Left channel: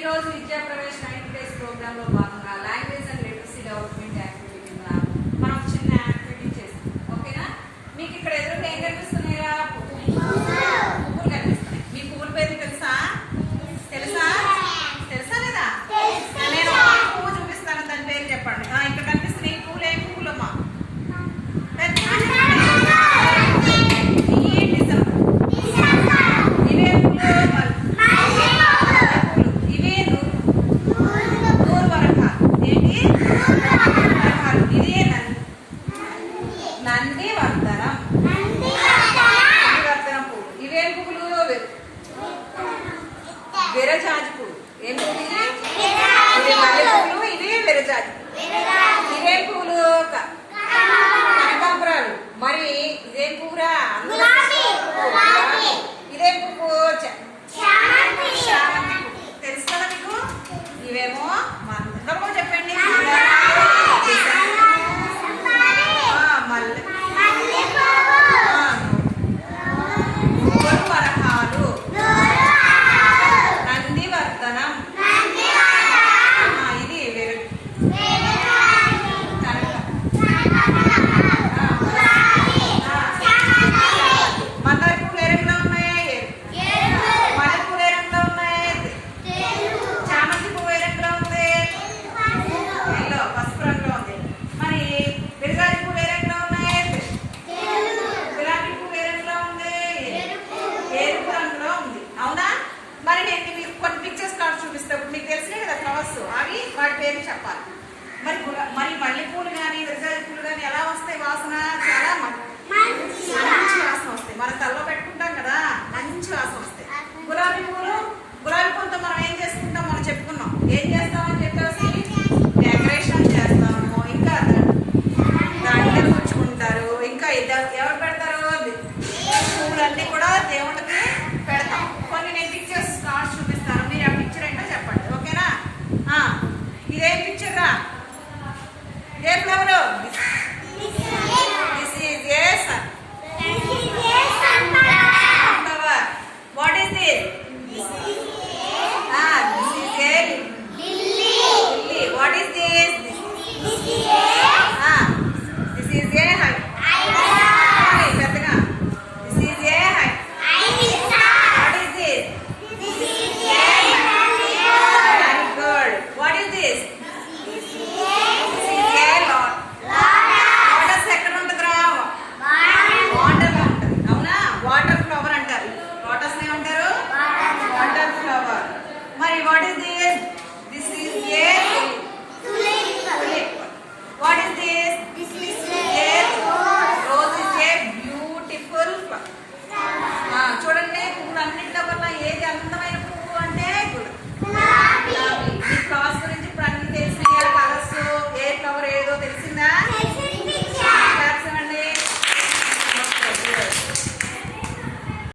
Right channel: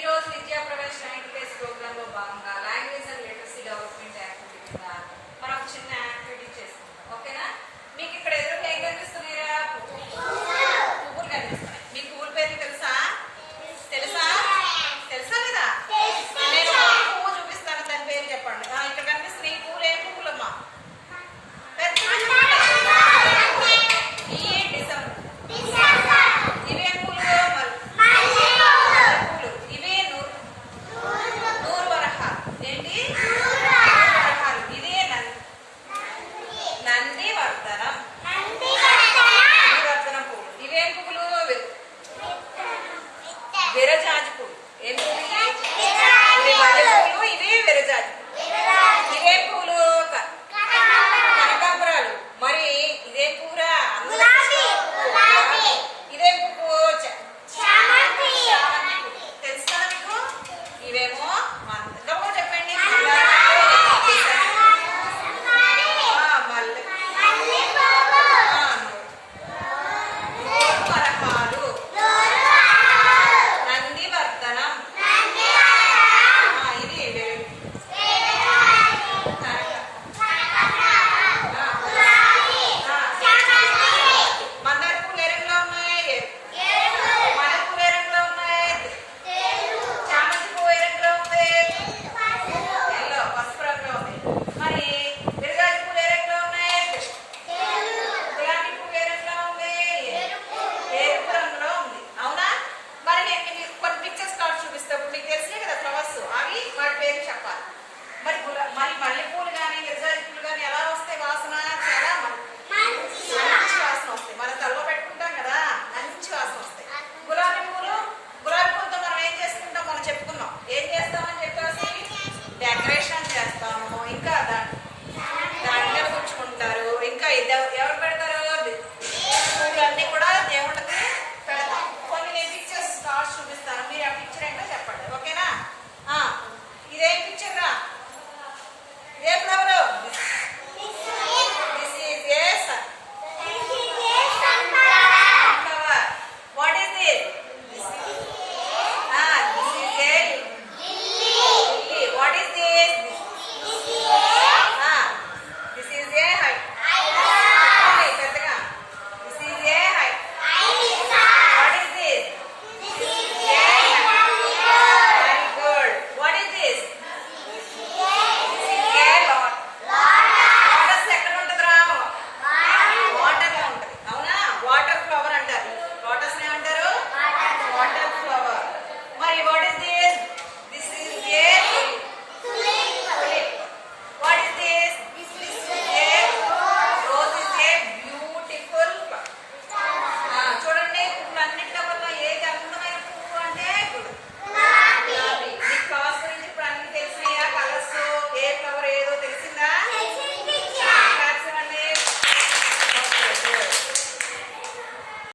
ఈ రోజు విద్యా ప్రవేశ 90 డేస్ ప్రోగ్రామ్ లో భాగంగా language and literacy development activity కింద మనం చిన్న యాక్టివిటీ చేస్తాం. ఓకేనా? మీకు ఇక్కడ ఎదురుగా ఏం కనిపిస్తున్నాయా? పువ్వులు కనిపిస్తున్నాయి. మీ పువ్వుల పేరు తెలుసా? తెలుసా లేదా? నేను పువ్వు చూపిస్తాను, దాని పేరు చెప్పండి. ఇక్కడ కనిపిస్తున్నాయి ఈ పువ్వులు. ఏం పువ్వులమ్మా? నందివర్ధనం పువ్వు. ఇవేం పువ్వులు? విరజాజి పువ్వు. ఏం పువ్వులు? ఇవి మల్లె పువ్వులు, ఇవి విరజాజి. ఇవేం పువ్వులు? కనకాంబరాలు. మరి ఇదేం పువ్వురా? ఇదేం పువ్వు? తెలుసు కదా మీకు? ఇవేమో మందమో చెప్పండి. వాటి పేరు చెప్పాలి. మరి మల్లెపూలు కానీ విరజాజి పూలు కానీ ఎలా వస్తాయి? వాసన చాలా మంచి వాసన వస్తాయి. మన తలలో పెట్టుకుంటాం కదా, మంచి వాసన వస్తాయి. గులాబీ పూలు